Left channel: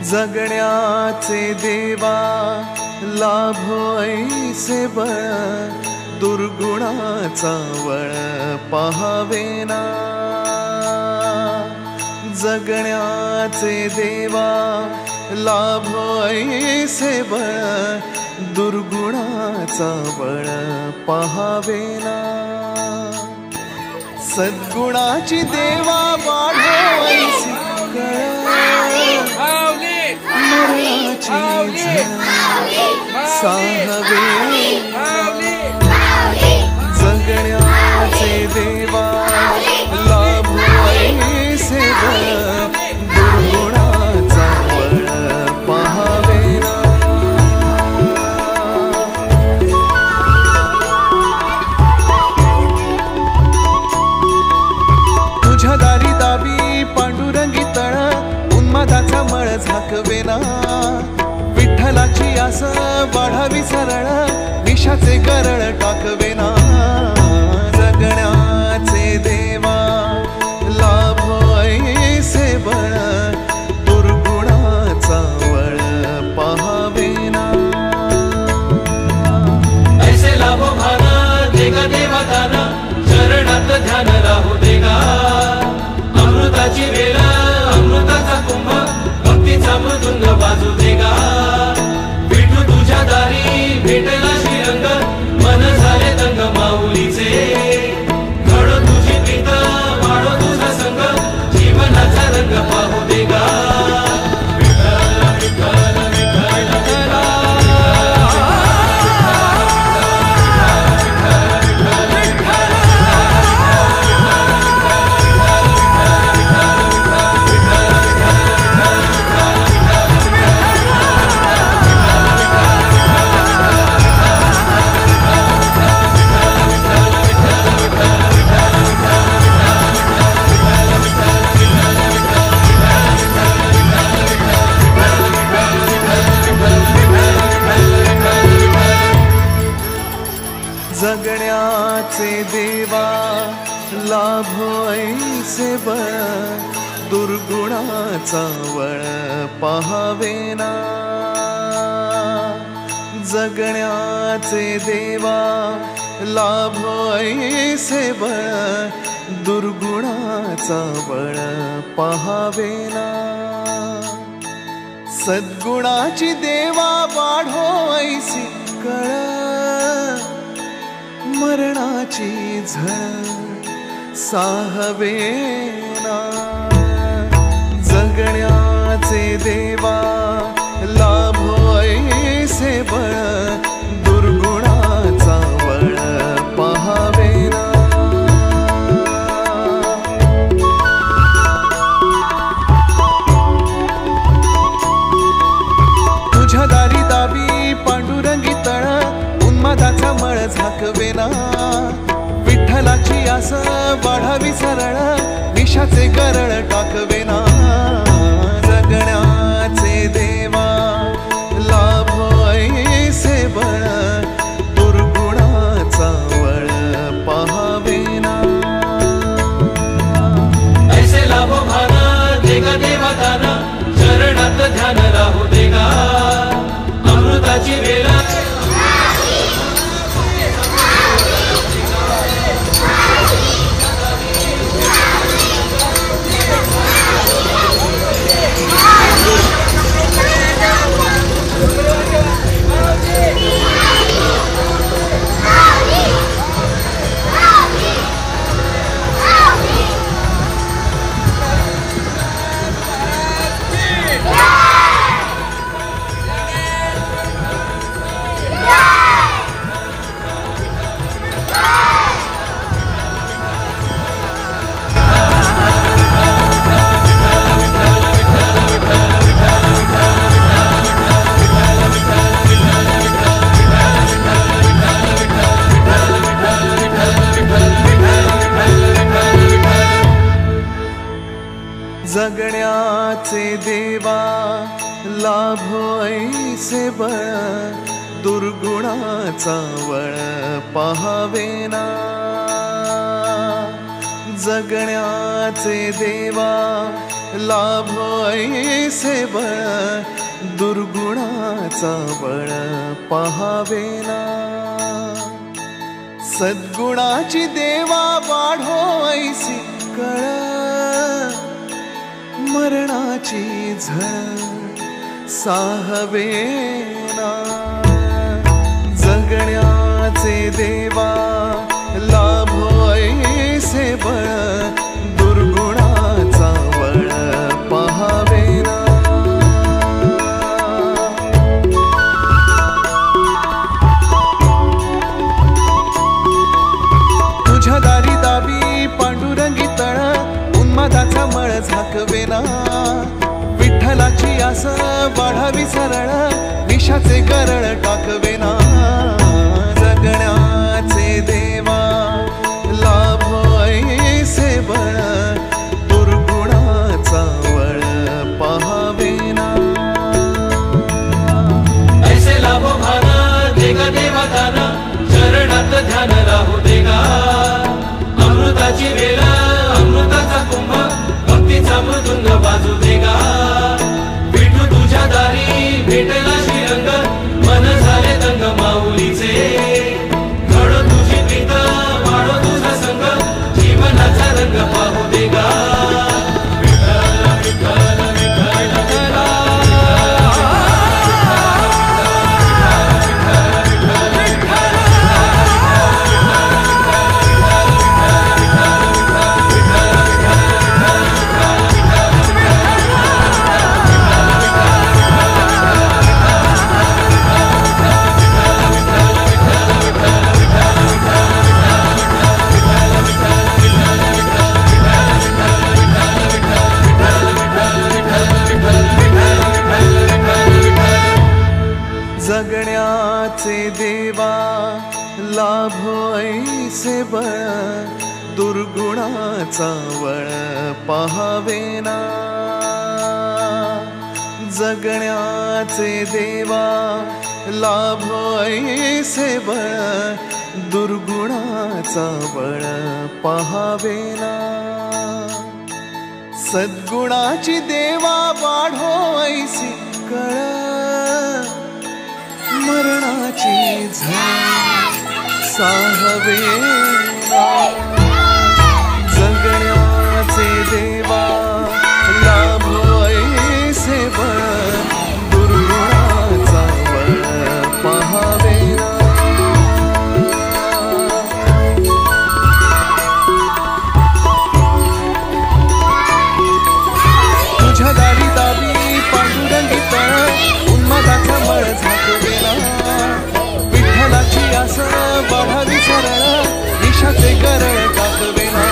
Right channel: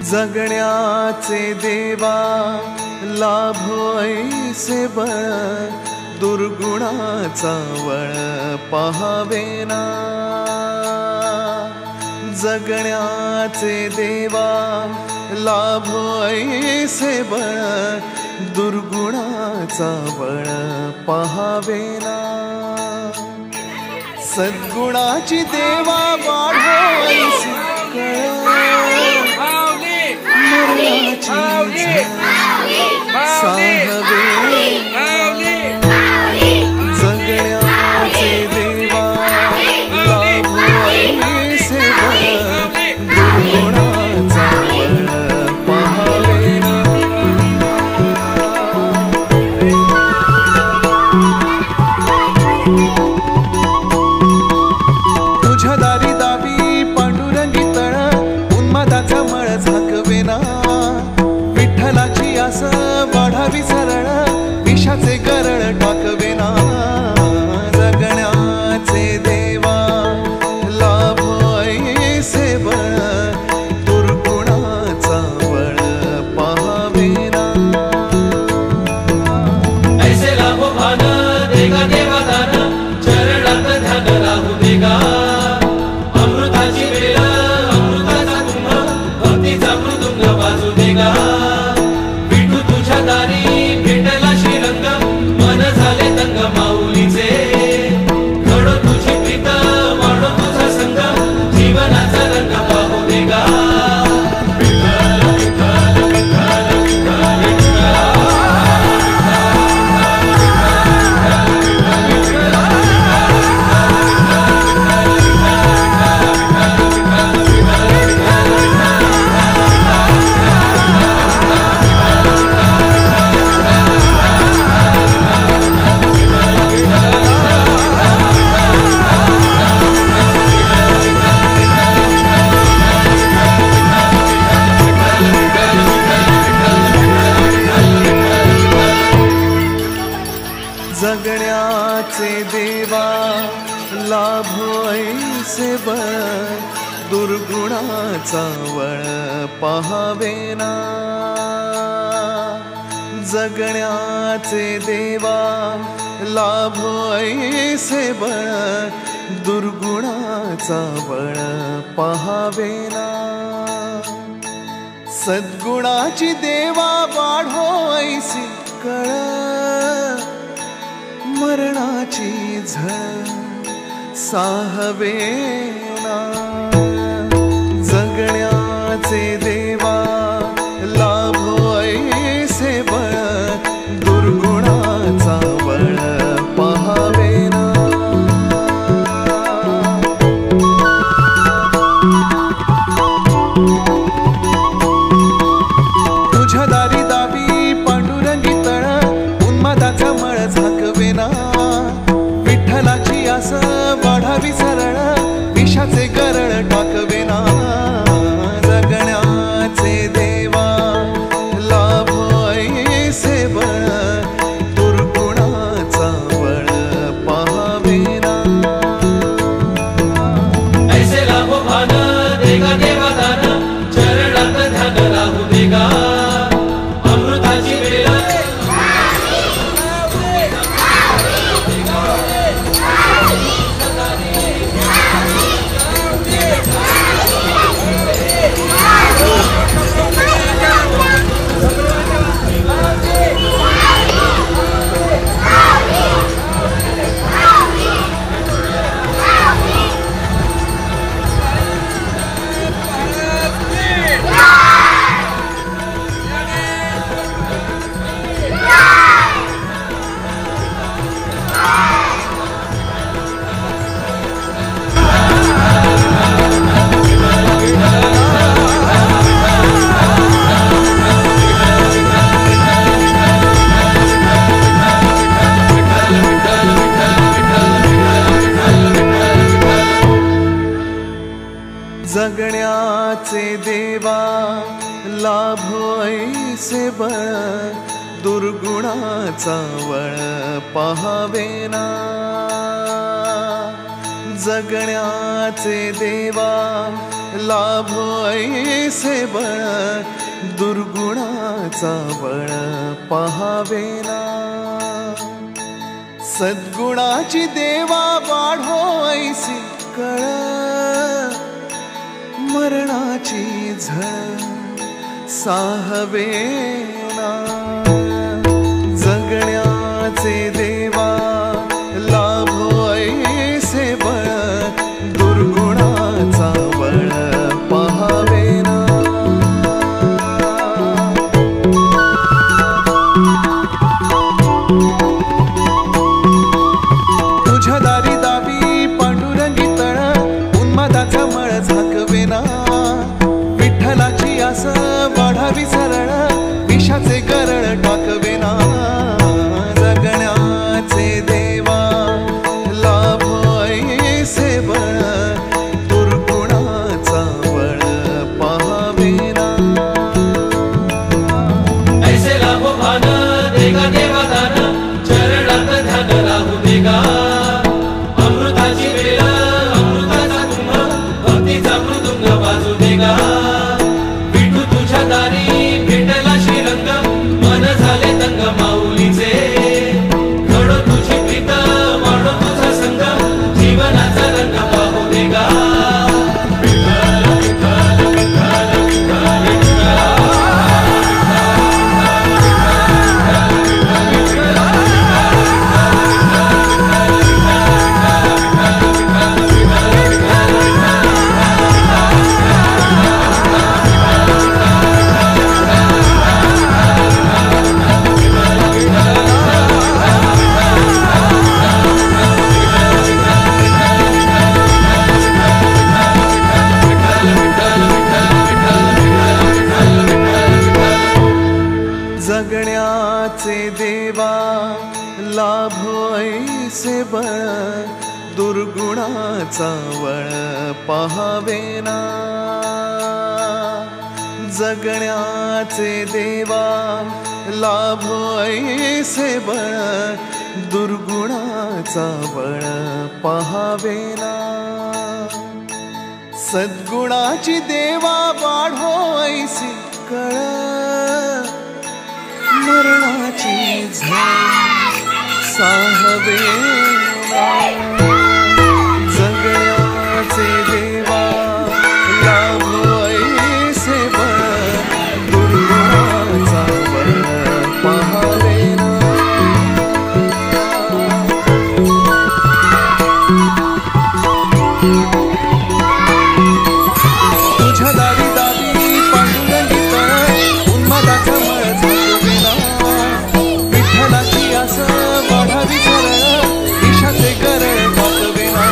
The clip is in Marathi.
जगण्याचे देवा लाभो ऐसे बळ, दुर्गुणाचा वळ पहावेना। जगण्याचे देवा लाभो ऐसे बळ, दुर्गुणाचा बळ पहावेना। सद्गुणाची देवा वाढो ऐसी कळ, मरणाची झळ साहवेना। जगण्याचे देवा लाभो ऐसे बळ, दुर्गुणाचा बळ पहावेना। तुझ्या दारी दावी पांडुरंगी तळ, उन्मादाचा मळ झाकवेना। विठ्ठलाची आस वाढावी सरळ, विषाचे गरळ टाकवेना। जगण्याचे देवा लाभो ऐसे बळ, दुर्गुणाचा वळ पहावेना। ऐसे लाभो भान देगा देवा दान, चरणात ध्यान लाभू देगा। अमृताची वेल अमृताचा कुंभ, भक्तीचा मृदुंग वाजू देगा। विठू तुझ्या दारी भेटला श्रीरंग, मन झाले दंग माऊलीचे। घडो तुझी प्रीत वाढो तुझा संग, जीवनाचा रंग पाहू देगा। जगण्याचे देवा लाभो ऐसे बळ, दुर्गुणाचा वळ पहावेना। जगण्याचे देवा लाभो ऐसे बळ, दुर्गुणाचा बळ पहावेना। सद्गुणाची देवा वाढो ऐसी कळ, मरणाची झळ साहवेना। जगण्याचे देवा लाभो ऐसे बळ, दुर्गुणाचा बळ पहावेना। तुझ्या दारी दावी पांडुरंगी तळ, उन्मादाचा मळ झाकवेना। विठ्ठलाची आस वाढावी सरळ, विषाचे गरळ टाकवेना। जगण्याचे देवा लाभो ऐसे बळ, दुर्गुणाचा वळ पहावेना। ऐसे लाभो भान देगा देवा दान, चरणात ध्यान लाभू देगा। अमृताची वेल जगण्याचे देवा लाभो ऐसे बळ, दुर्गुणाचा वळ पहावेना। जगण्याचे देवा लाभो ऐसे बळ दुर्गुणाचा बळ पहावेना सद्गुणाची देवा वाढो ऐसी कळ मरणाची झळ साहवेना जगण्याचे देवा लाभो ऐसे बळ दुर्गुणाचा बळ पहावेना तुझ्या दारी दावी पांडुरंगी तळ उन्मादाचा मळ झाकवेना विठ्ठलाची आस वाढावी सरळ विषाचे गरळ टाकवेना जगण्याचे देवा लाभो ऐसे बळ दुर्गुणाचा बळ पहावेना ऐसे लाभो भान देगा देवा दान चरणात ध्यान लाभू देगा अमृताची वेळ अमृताचा कुंभ भक्तीचा मृदुंग वाजू देगा विठू तुझ्या दारी भेटला श्रीरंग मन झाले दंग माऊलीचे घडो तुझी प्रीत वाढो तुझा संग जीवनाचा रंग पाहू देगा जगण्याचे देवा लाभो ऐसे बळ दुर्गुणाचा बळ पहावेना जगण्याचे देवा लाभो ऐसे बळ दुर्गुणाचा बळ पहावेना सद्गुणाची देवा वाढो ऐसी कळ मरणाची झळ साहवेना जगण्याचे देवा लाभो ऐसे बळ दुर्गुणाचा बळ पहावेना तुझ्या दारी दावी पांडुरंगी तळ उन्मादाचा मळ झाकवेना विठ्ठलाची आस वाढावी सरळ विषाचे गरळ टाकवेना